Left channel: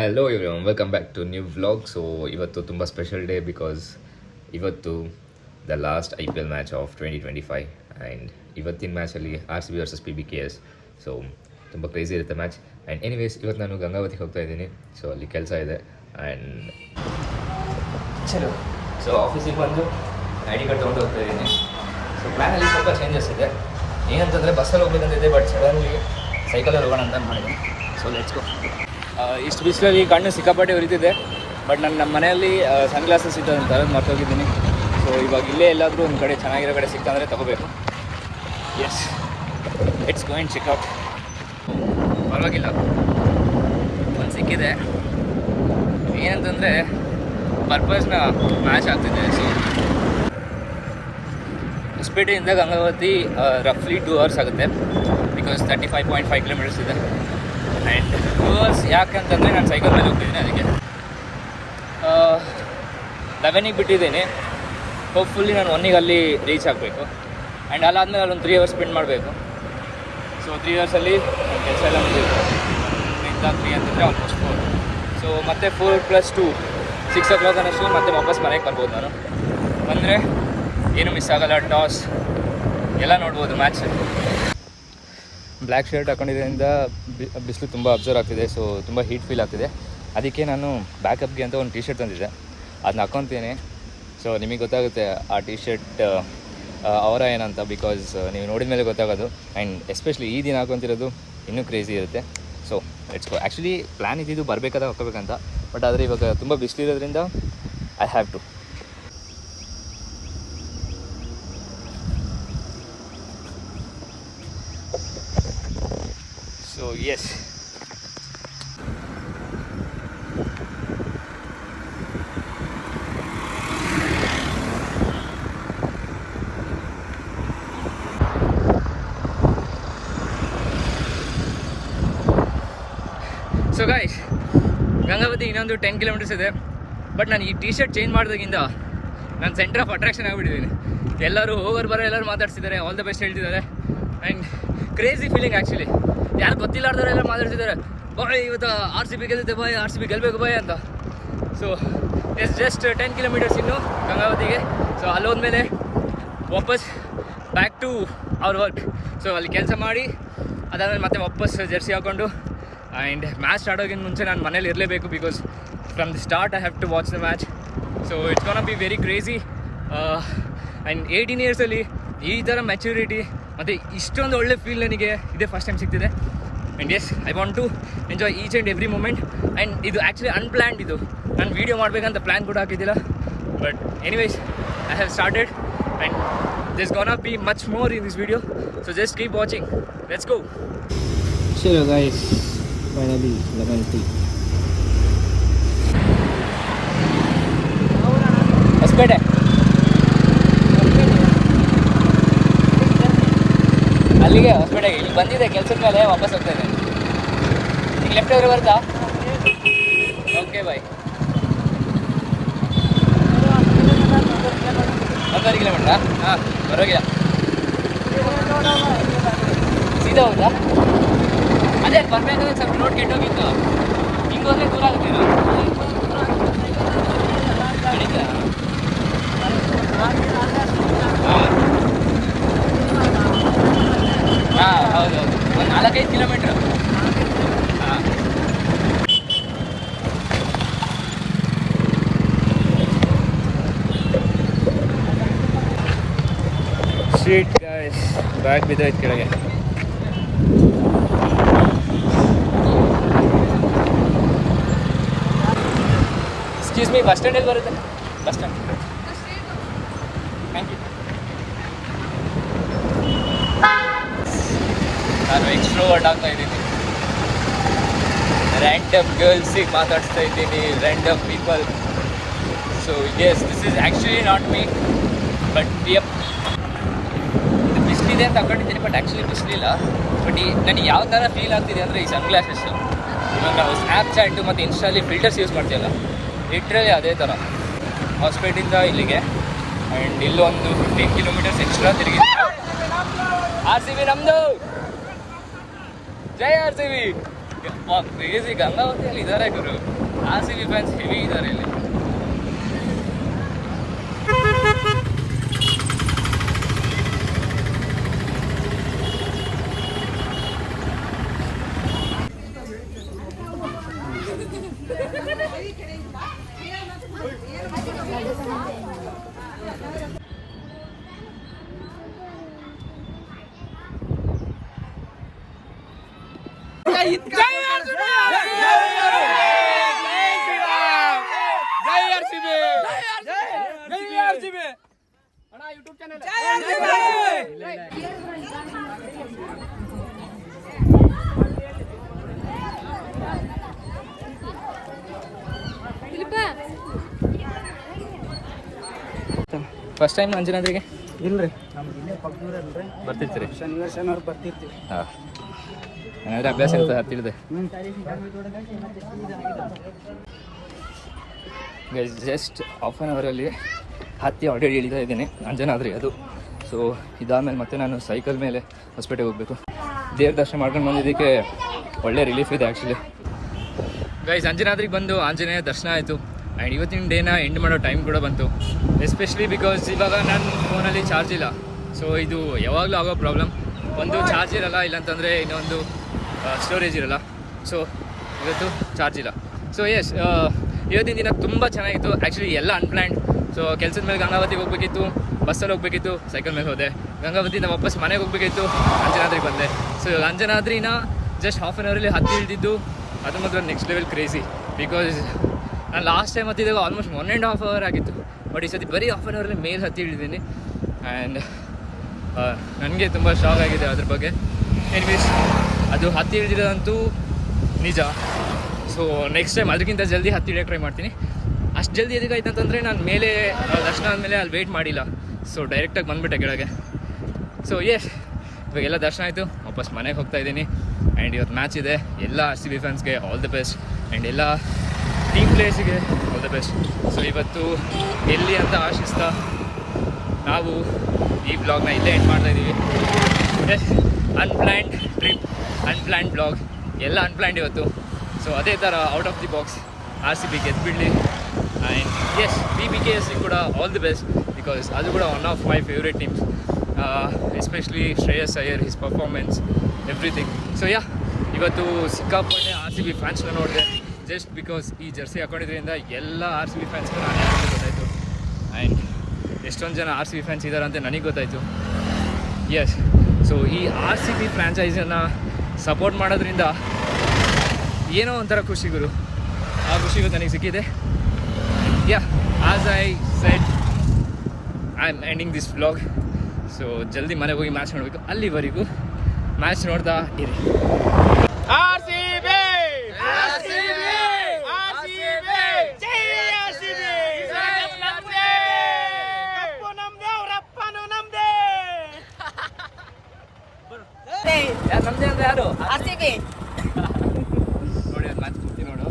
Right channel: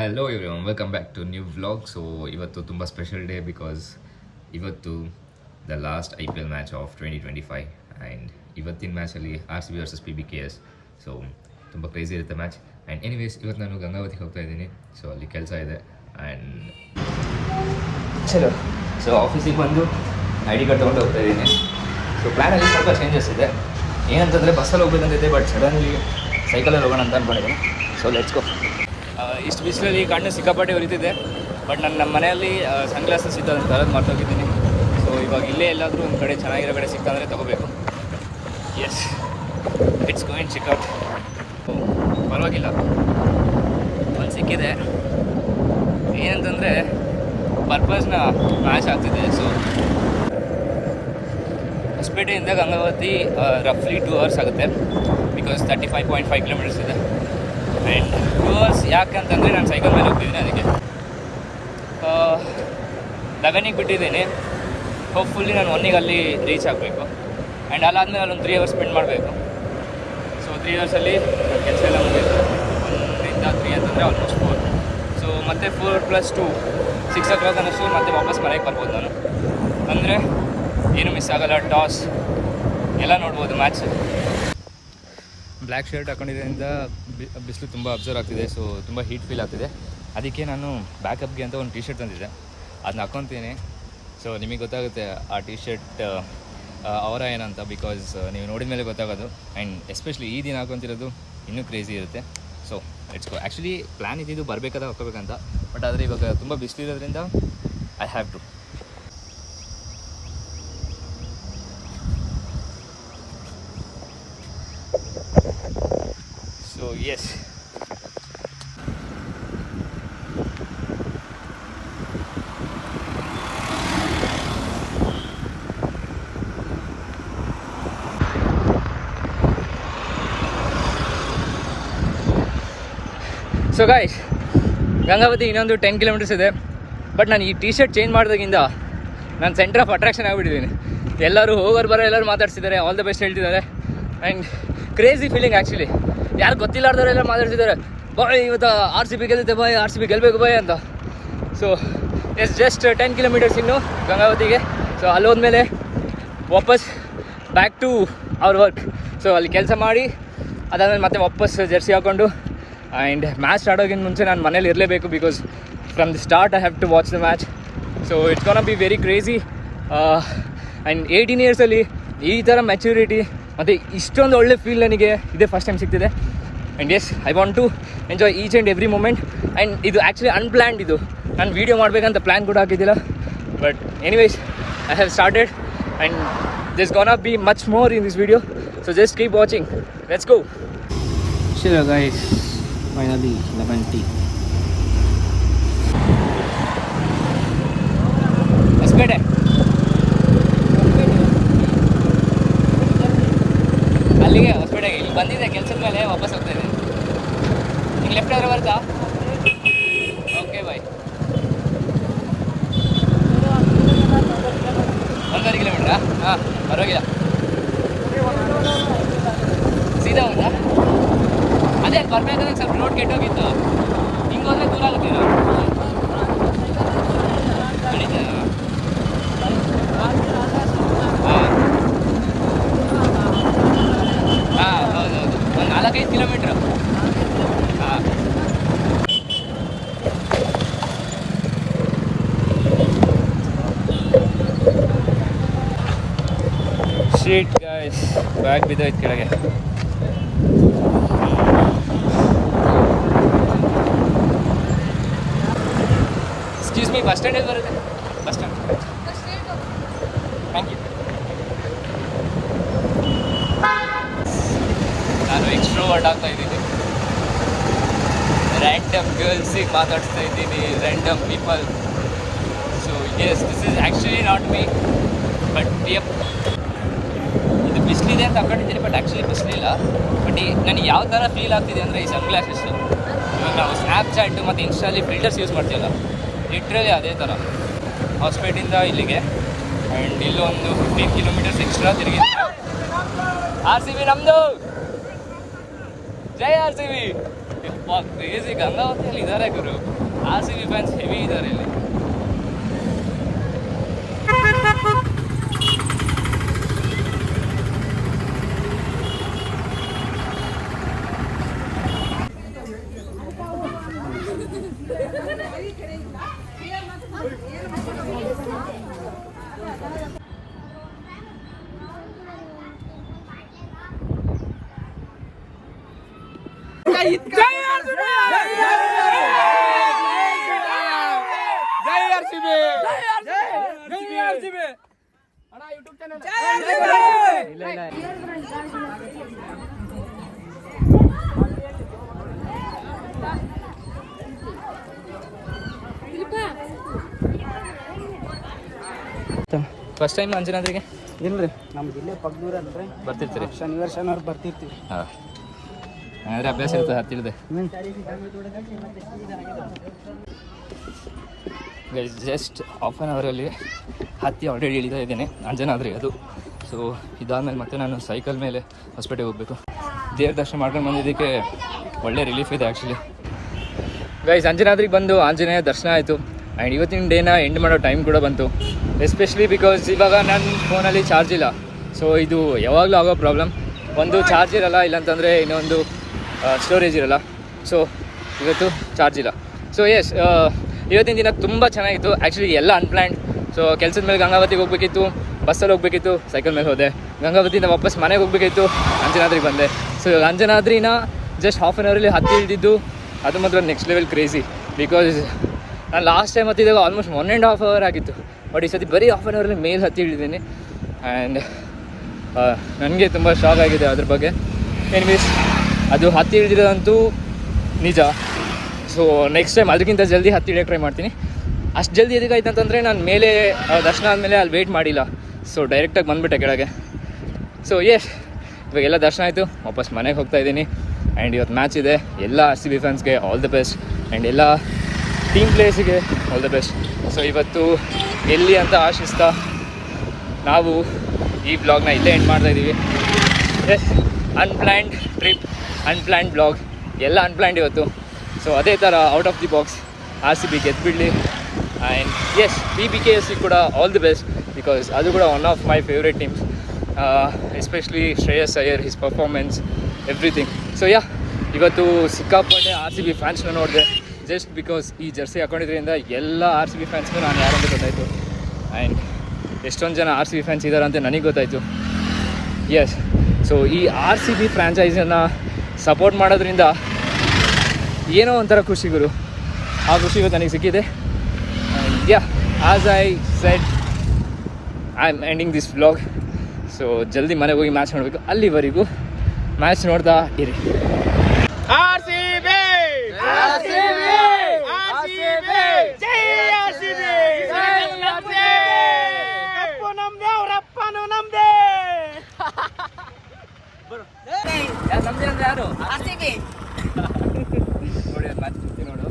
Hello everyone, welcome back to new vlog. So ಇವತ್ತು ತುಂಬ special day because ಇವತ್ತು the last IPL match of 2025 and ಇವತ್ತಿನ ಮ್ಯಾಚಲ್ಲಿ RCB versus PBKS. So ತುಂಬ crazy ಇರುತ್ತೆ match. And anyways ಇವತ್ತು ನಾನು ಗಂಗಾವತಿಗೆ ಹೋಗ್ತಾ ಇದ್ದೀನಿ. ಸೊ ಅಲ್ಲಿ ಕೆಲಸ ಇದೆ ಆ್ಯಂಡ್ ಚಲೋ. ಸೊ ಆಫೀಸಿಗೆ ಬಂದು ID ಕಾರ್ಡ್ ತೊಗೊಂಡು ಹೋಗ್ತಾ ಇದ್ದೀನಿ. ಸೊ ಪ್ಲ್ಯಾನಲ್ಲಿ ಸ್ವಲ್ಪ ಚೇಂಜಸ್ ಇದೆ. ಏನಂತಂದರೆ ಬಸ್ಸಲ್ಲಿ ಹೋಗ್ಬೇಕಂತಿದೆ, ಬಟ್ ಸಡನ್ಲಿ ಸೈಕಲಲ್ಲಿ ಹೋಗೋಣ ಅಂತ ಅಂದ್ಕೊಂಡಿದ್ದೀನಿ. ಸೊ ಲೆಟ್ಸ್ ಗೋ. ಇಷ್ಟು ಬಿಸಿಲಲ್ಲಿ ಕಣ್ಣು ಸಿಕ್ಕಾಪಟ್ಟೆ ಉರಿತಿದೆ, ಬಟ್ ನಮ್ಮ ಮನೆಯಲ್ಲಿ ಸನ್ ಗ್ಲಾಸಸ್ ಇದ್ದು ಅಂತ ಅದನ್ನು ಮರ್ತೋಗಿದ್ದೀನಿ. ಸೊ ಇವಾಗ ಇಲ್ಲೇ ಎಲ್ಲಾದರೂ ಒಂದು ಕಡೆ ಚೆನ್ನಾಗಿರೋ ಕಡೆ ಸಿಕ್ತಂದರೆ ತೊಗೋಬೇಕು. Yes, it's going checkout. ಪರವಾಗಿಲ್ಲ, ಒಂದು ಸಿಕ್ಕಿದೆ. ಏನಂತಂದರೆ ಪರ್ಪಸ್ನ ಮ್ಯಾಚ್ ಆಗ್ತಿದೆ. ಸೊ ಹೊಸಪೇಟೆಯಿಂದ ಗಂಗಾವತಿ ರಫ್ಲಿ 2 hours ಆಗುತ್ತೆ, ಬಿಕಾಸ್ 35.5 kilometers ಇದೆ. ಆ್ಯಂಡ್ 2 hours ಯಾಕಂತಂದರೆ ನಾನು ಸೈಕಲ್ ಮೇಲೆ ಹೋಗ್ತಿದ್ದೀನಿ, ಅದಕ್ಕೆ 11ಗೆ ಬಿಟ್ಟಿದ್ದೀನಿ. ಹೋಪ್ಫುಲ್ಲಿ ನಾನು 1ಗೆ ಅಲ್ಲಿ ರೀಚ್ ಆಗಬೇಕು. ಆ್ಯಂಡ್ ಅಲ್ಲಾದಮೇಲೆ ಅಲ್ಲೊಂದು 3 hours ಸ್ಪೆಂಡ್ ಮಾಡಬೇಕು. ಸೊ 3 hours ನನ್ನ ಕೆಲಸ ಎಲ್ಲ ಮುಗಿಯುತ್ತೆ. 1ರಿಂದ 3 ಅಂತಂದರೆ ಆಲ್ಮೋಸ್ಟ್ 4. ಸೊ ಮತ್ತೆ 4 + 2 6 o'clock ಅನ್ನಿಸ್ತು ಮತ್ತೆ ವಾಪಸ್ ಮನೆಗೆ ಬರ್ಬೋದು. ನಾನು ಬಂದರೆ ಏನು ಮಿಸ್ ಆಗೋಲ್ಲ, ಟಾಸ್ ಎಲ್ಲ ನೋಡ್ಬೋದು ಮ್ಯಾಚ್. ಬ್ಲ್ಯಾಕ್ ಶರ್ಟ್ ಹಾಕೊಂಡಿದ್ದರಿಂದ ಬಿಸಿಲು ತುಂಬ ಅಬ್ಸರ್ವ್ ಆಗ್ತಿದೆ. ಸೊ ತುಂಬ ಹೀಟ್ ಫೀಲ್ ಆಗ್ತಿದೆ. ಅದಕ್ಕೆ ನಾನು ಬ್ಯಾಕಪ್ಗೆ ಅಂತ ಒಂದು T-shirt ತಂದಿದ್ದೆ, ಅದನ್ನ ಹಾಕ್ಕೊತೀನಿ. ಸೊ ನಿಮಗೆ ಗೊತ್ತಾಗುತ್ತೆ ಆ T-shirt ಅವರ ಏನಂತ, ಬಿಕಾಸ್ ನೀವು ನೋಡಿದ ಮೇಲೆ ಗೊತ್ತಾಗೋದು. ಆ್ಯಂಡ್ ಎಸ್ಪೆಷಲಿ ಈ ದಿನ ಹಾಕೊತಿರೋದು ಇನ್ನೂ ಕ್ರೇಜಿ ಇರುತ್ತೆ. So let's go. Actually plan ಇದ್ದಿದ್ದು ಬರಬೇಕಾದ ಹಾಕೋಬೇಕಂತ, ಬಟ್ ಆದರೆ ಇವಾಗ ತುಂಬ ಬಿಸಿಲಿರೋದ್ರಿಂದ I have to. So yes, so guys, Gangavathi ಇನ್ನೊಂದು 10 kilometers ಇದೆ. ಬಟ್ ನಾನು ಈ T-shirt ಚೇಂಜ್ ಮಾಡಿದಾಗಿಂದ ನಾನು ಸೆಂಟರ್ ಆಫ್ ಅಟ್ರಾಕ್ಷನ್ ಆಗಿಬಿಟ್ಟಿದ್ದೀನಿ. ಎಲ್ಲರೂ ಹೋಗೋರು ಬರೋ ಎಲ್ಲರೂ ಮಾತಾಡ್ತಿದ್ದಾರೆ, ಆಲ್ ದ ಬೆಸ್ಟ್ ಹೇಳ್ತಿದ್ದಾರೆ. And crazy feeling actually. ಯಾರು ಗೊತ್ತಿಲ್ಲಾರ್ದವರೆಲ್ಲ ಮಾತಾಡ್ತಿದ್ದಾರೆ, ಬಾಯ್ ಇವತ್ತು RCB ಗೆಲ್ಲುತ್ತೆ, ಬಾಯ್ RCB ಗೆಲ್ಲಬೇಕು ಬಾಯ್ ಅಂತ. ಸೊ ಎಸ್, ಜಸ್ಟ್ 10 kilometers ಇನ್ನು ಗಂಗಾವತಿಗೆ. ಸೊ ಅಲ್ಲೋದ್ಮೇಲೆ ವಾಪಸ್ back to our work. So ಅಲ್ಲಿ ಕೆಲಸ ಮಾಡಿ ಅದಾದಮೇಲೆ ಮತ್ತೆ ವಾಪಸ್ ಜರ್ಸಿ ಹಾಕ್ಕೊಂಡು ಆ್ಯಂಡ್ ಮ್ಯಾಚ್ ಸ್ಟಾರ್ಟ್ ಆಗೋಕ್ಕಿಂತ ಮುಂಚೆ ನಾನು ಮನೇಲಿ ಇರಲೇಬೇಕು, because from the start I have to watch the match. So it's gonna be very crazy. And 18 yearsಲ್ಲಿ ಈ ಥರ ಮೆಚ್ಯೂರಿಟಿ ಮತ್ತು ಇಷ್ಟೊಂದು ಒಳ್ಳೆ ಫೀಲ್ ನನಗೆ ಇದೇ ಫಸ್ಟ್ ಟೈಮ್ ಸಿಗ್ತಿದೆ. And yes, I want to enjoy each and every moment. And ಇದು ಆ್ಯಕ್ಚುಲಿ ಅನ್ಪ್ಲ್ಯಾನ್ಡ್. ಇದು ನಾನು ವೀಡಿಯೋ ಮಾಡಬೇಕಂತ ಪ್ಲ್ಯಾನ್ ಕೂಡ ಹಾಕಿದ್ದಿಲ್ಲ, but anyways I have started and this gonna be much more in this video. So just keep watching, let's go. Sure guys, finally lemon tea. Hospet ಅಲ್ಲಿಗೆ, ಹೊಸಪೇಟೆಗೆ ಇಲ್ಲಿ ಬಂದಿದೆ ಕೆಲಸದ ಮೇಲೆ, ವಾಪಸ್ ಹೋಗ್ತಾ ಇದ್ದೇನೆ. ನಿಂಗೆ ಲೆಫ್ಟ್ ಆದರೆ ಬರ್ತಾ? Okay bye. 1.5 kilometer? ಹಾಂ, ಪರವಾಗಿಲ್ಲ. ಸೀದಾ ಹೌದಾ? ಅದೇ ಬರ್ಬೇಕಾದ್ರೆ ಸ್ವಲ್ಪ ರೋಡ್ ಕೆಟ್ಟೋಗಿತ್ತು, ಹಿಂಗೆ ಹೋದ್ರೆ ದೂರ ಆಗುತ್ತೆ. ನಡೀತಾ? ಹಾಂ ಹೌದೌದು, ಒಂದು 4-5 kilometer. ಹಾಂ, ಶೀಟ್ ಗೈಸ್, ಬ್ಯಾಗ್ ಬಿದ್ದೋಯ್ತು ಕೆಳಗೆ. ಎಕ್ಸ್ಕ್ಯೂಸ್ ಮೀ, ಬಸ್ ಸ್ಟ್ಯಾಂಡಲ್ಲಿ ಬರುತ್ತೆ? Bus stand, thank you. ನಾನು ಎಕ್ಸ್ಟ್ರೋವರ್ಟ್ ಆಗ್ತಾ ಇದ್ದೀನಿ. ರ್ಯಾಂಡಮ್ ಗರ್ಲ್ಸಿಗೆ ಮಾತಾಡ್ತಾ ಇದ್ದೀನಿ, random people. So yes, this is actually not me, but yup, ಇದು ಬಿಸಿಲಿದೆ ಅಂತ ಹಾಕೊಂಡಿದ್ದೀನಿ, ಬಟ್ ಆ್ಯಕ್ಚುಲಿ ಬಿಸಿಲಿಲ್ಲ. ಬಟ್ ನನಗೆ ಯಾವ ಥರ ಫೀಲ್ ಆಗ್ತಿದೆ ಅಂದರೆ ಈ ಸನ್ ಗ್ಲಾಸಸ್ಸು. ಇವಾಗ ನಾವು ಸ್ನ್ಯಾಪ್ಚಾಟು ಮತ್ತು ಇನ್ಸ್ಟಾಲಿ ಫಿಲ್ಟರ್ಸ್ ಯೂಸ್ ಮಾಡ್ತೀವಲ್ಲ, ಲಿಟ್ರಲಿ ಅದೇ ಥರ. ಹಾಸ್ಪೇಟಿಂದ ಇಲ್ಲಿಗೆ ಆ್ಯಂಡ್ ಇಲ್ಲೊಂದು 15 kilometers ಎಕ್ಸ್ಟ್ರಾ ತಿರುಗಿದ್ದು. RCB ನಮ್ಮದು, ಜೈ RCB. ಕ್ರೇಜಿ ಗಂಗಾವತಿಯಲ್ಲಿ ಇದ್ದಾರೆ ಗುರು. RCB ಫ್ಯಾನ್ಸ್ ಹೆವಿ ಇದ್ದಾರೆ ಇಲ್ಲಿ. ಫಸ್ಟ್ ಟೈಮ್ ಅಂಜನಾದ್ರಿಗೆ ಇಲ್ರಿ ನಮ್ದು ಇಲ್ಲೇ ಪಕ್ಕದೂರ ಅಲ್ರಿ. ಬರ್ತಿರ್ತೀರಿ? ಶನಿವಾರ ಬರ್ತಿರ್ತೀವಿ. ಹಾಂ, ಏನಾದ್ರೆ ಅಭ್ಯಾಸ ಇರ್ತದೆ ಹತ್ತಿಳಿದೆ. ಜಸ್ಟ್ ಹಾಫ್ ಆನ್ ಅವರಲ್ಲಿ ಹತ್ತಿ ಆಲ್ರೆಡಿ ಇಳಿತಾ ಇದ್ದೇನೆ ಅಂಜನಾದ್ರಿ ಅದು. ಸೊ ಇದಾದಮೇಲೆ ಮತ್ತೆ ನಾನು ಸೈಕಲ್ ಮೇಲೆ ಹೊಸಪೇಟೆಗೆ ಹೋಗಬೇಕು. ದೇವ್ರ ದರ್ಶನ ಮಾಡ್ಕೊಂಡು ಬಂದಿದ್ದಕ್ಕೆ ಒಳ್ಳೆ ರಿಲೀಫ್ ಇದೆ ಆ್ಯಕ್ಚುಲಿ. ಗೈಸ್, ಅಂಜನಾದ್ರಿಗೆ ಬಂದು ಆಂಜನೇಯ ದರ್ಶನ ಆಯಿತು. ಆ್ಯಂಡ್ ಇವತ್ತಿನ ಡೇನ ಎಂಡ್ ಮಾಡೋ ಟೈಮ್ ಕೂಡ ಬಂತು. ಎಸ್ಪೆಷಲಿ ಬಿಕಾಸ್ ಇವಾಗ ನನ್ನ ಫೋನಲ್ಲಿ ಚಾರ್ಜ್ ಇಲ್ಲ. ಸೊ ಇದು ಯಾವಾಗಲೂ ಆಗೋ ಪ್ರಾಬ್ಲಮ್. ಒಂದು ಚಾರ್ಜ್ ಇರಲ್ಲ, ಇಲ್ಲಾಂತಂದರೆ ಇನ್ನೊಂದು ಸ್ಟೋರೇಜ್ ಇರಲ್ಲ. ಸೊ ಇವತ್ತು ಚಾರ್ಜ್ ಇಲ್ಲ. ಸೊ ಎಸ್, ಇವತ್ತಿನ ದಿನ ತುಂಬ ಚೆನ್ನಾಗಿತ್ತು ಆ್ಯಕ್ಚುಲಿ. ಎಲ್ಲ ಅನ್ಪ್ಲ್ಯಾನ್ಡ್. ಸೊ ಕೆಲಸದ ಮೇಲೆ ಗಂಗಾವತಿಗೆ ಹೋಗಬೇಕಿತ್ತು, ಬಸ್ಸಲ್ಲಿ ಹೋಗಬೇಕಿತ್ತು, ಸೈಕಲ್ ಮೇಲೆ ಹೋದೆ. ಗಂಗಾವತಿಯಿಂದ ವಾಪಸ್ ಮನೆಗೆ ಹೋಗಬೇಕಿತ್ತು, ಅಂಜನಾದ್ರಿಗೆ ಬಂದೆ. ಸೊ ಇವಾಗ ಅಂಜನಾದ್ರಿನ ಜಸ್ಟ್ ಹಾಫ್ ಆನ್ ಅವರಲ್ಲಿ ಹತ್ತಿ ಇಳಿದಿದ್ದು ಅದು ಮಾತ್ರ ನೆಕ್ಸ್ಟ್ ಲೆವೆಲ್ ಕ್ರೇಜಿ. ಬಿಕಾಸ್ ನಾನು ಲಾಸ್ಟ್ ಟೈಮ್ ಹತ್ತಿದಾಗ ಆಲ್ಮೋಸ್ಟ್ 1.5 hour ಆಗಿತ್ತು. ಬಟ್ ಈ ಸತಿ ಬರೀ ಹಾಫ್ ಆನ್ ಅವರಲ್ಲಿ ಮೇಲೆ ಹತ್ತಿ ಇಳಿದ್ದೀನಿ. ಆ್ಯಂಡ್ ನನಗೆ ತುಂಬ ಶಾಕ್ ಆಗಿದೆ ಅದ್ರ ಬಗ್ಗೆ. ಎನಿವೇಸ್, ಅದು ಹತ್ತಿ ಇಳಿದಿರೋದಂತೂ ನಿಜ. ಸೊ ನೆಕ್ಸ್ಟ್ ಟೈಮ್ ಅದಕ್ಕಿಂತ ಜಲ್ದಿ ಹತ್ತಿ ಇಳಿಯೋಕೆ ಟ್ರೈ ಮಾಡ್ತೀನಿ. ಅಷ್ಟು ಜಲ್ದಿ ಎದಕ್ಕಾಯ್ತು ಅಂತಂದರೆ ನಾನು ಮೇಲೆ ದರ್ಶನ ಆದಮೇಲೆ ಅಲ್ಲಿ ವೆಯ್ಟ್ ಮಾಡಿಲ್ಲ. ಸೊ ಡೈರೆಕ್ಟಾಗಿ ಬಂದುಬಿಟ್ಟೆ ಕೆಳಗೆ. ಸೊ ಇವಾಗೆಲ್ಲ ದರ್ಶನ ಆಯಿತು, ವಾಪಸ್ ಮನೆಗೆ ಹೋಗ್ತಾಯಿದ್ದೀನಿ. ಆ್ಯಂಡ್ ಇವತ್ತು ಮ್ಯಾಚ್ ಇದೆ. ಎಲ್ಲ RCB ಫ್ಯಾನ್ಸ್ಗೆ ಆಲ್ ದಿ ಬೆಸ್ಟ್. ಆ್ಯಂಡ್ ಎಲ್ಲ ಟೀಮ್ ಪ್ಲೇಯರ್ಸಿಗೆ ಆಲ್ ದಿ ಬೆಸ್ಟ್. ಸೊ ಇವತ್ತು ಗೆಲ್ಲಿ ಅಂತ ಆಶಿಸ್ತಾ ನಾವು ಈ ಬ್ಲಾಗ್ನ ಇಲ್ಲೇ ಎಂಡ್ ಮಾಡ್ತಾಯಿದ್ದೀವಿ. ಅನ್ಪ್ಲ್ಯಾನ್ಡ್ ಟ್ರಿಪ್, ಅನ್ಪ್ಲ್ಯಾನ್ಡ್ ಬ್ಲಾಗ್, ಎಲ್ಲ ಅನ್ಪ್ಲ್ಯಾನ್ಡ್ ಇವತ್ತು. ಸೊ ಅದೇ ಥರ out of the box RCB ಗೆದ್ದುಬಿಡಲಿ. ಆ್ಯಂಡ್ BBKSC ಕೂಡ ಆಲ್ ದಿ ಬೆಸ್ಟ್. ಬಿಕಾಸ್ ಅದು ಕೂಡ one of my favourite teams. Especially Shreyas Iyer, his performance, everything. So ಇವತ್ತು ಸಿಕ್ಕಾಪಟ್ಟೆ RCB ಫ್ಯಾನ್ಸ್ನ ನೋಡಿದೆ. ಜಸ್ಟ್ ಬಿಕಾಸ್ ಈ ಜರ್ಸಿ ಹಾಕೊಂಡಿದ್ರಿಂದ ಎಲ್ಲ RCB ಫ್ಯಾನ್ಸ್ಗೂ ನಾನು ಯಾರಂತ ಗೊತ್ತಾಯಿತು. ಆ್ಯಂಡ್ ಎಷ್ಟೊಂದು ಜನ RCB ಫ್ಯಾನ್ಸ್ ಇದ್ದಾರೆ ಅಂತ ನನಗೆ ಗೊತ್ತಾಯಿತು. ಎಸ್, ಸೊ ಈ RCB ಫ್ರ್ಯಾಂಚೈಸನ್ನು ಸಪೋರ್ಟ್ ಮಾಡೋದ್ರಿಂದ ಏನೋ ಒಂಥರ ಖುಷಿ ಗುರು. ಆ ಖುಷಿ ಇವತ್ತು ನನಗೆ ಸಿಕ್ಕಿದೆ. And as I said, I am ending this vlog. So ಜಲ್ದಿ ಮನೆಗೆ ಹೋಗಿ ಮ್ಯಾಚ್ ನೋಡಬೇಕು. ಅಲ್ಲಿವರೆಗೂ ಮ್ಯಾಚ್ ನೋಡ್ತಾ ಇರಿ. RCB! RCB! RCB! ಜೈ RCB! ಜೈ RCB! ಕಪ್ಪು ನಮ್ದೆ, ಅವರಪ್ಪನು ನಮ್ದೆ. ನಮ್ದೇ ಅಂದರೆ ಯಾರು? RCB. ನೋಡಿ ಮ್ಯಾಚ್ ನೋಡು.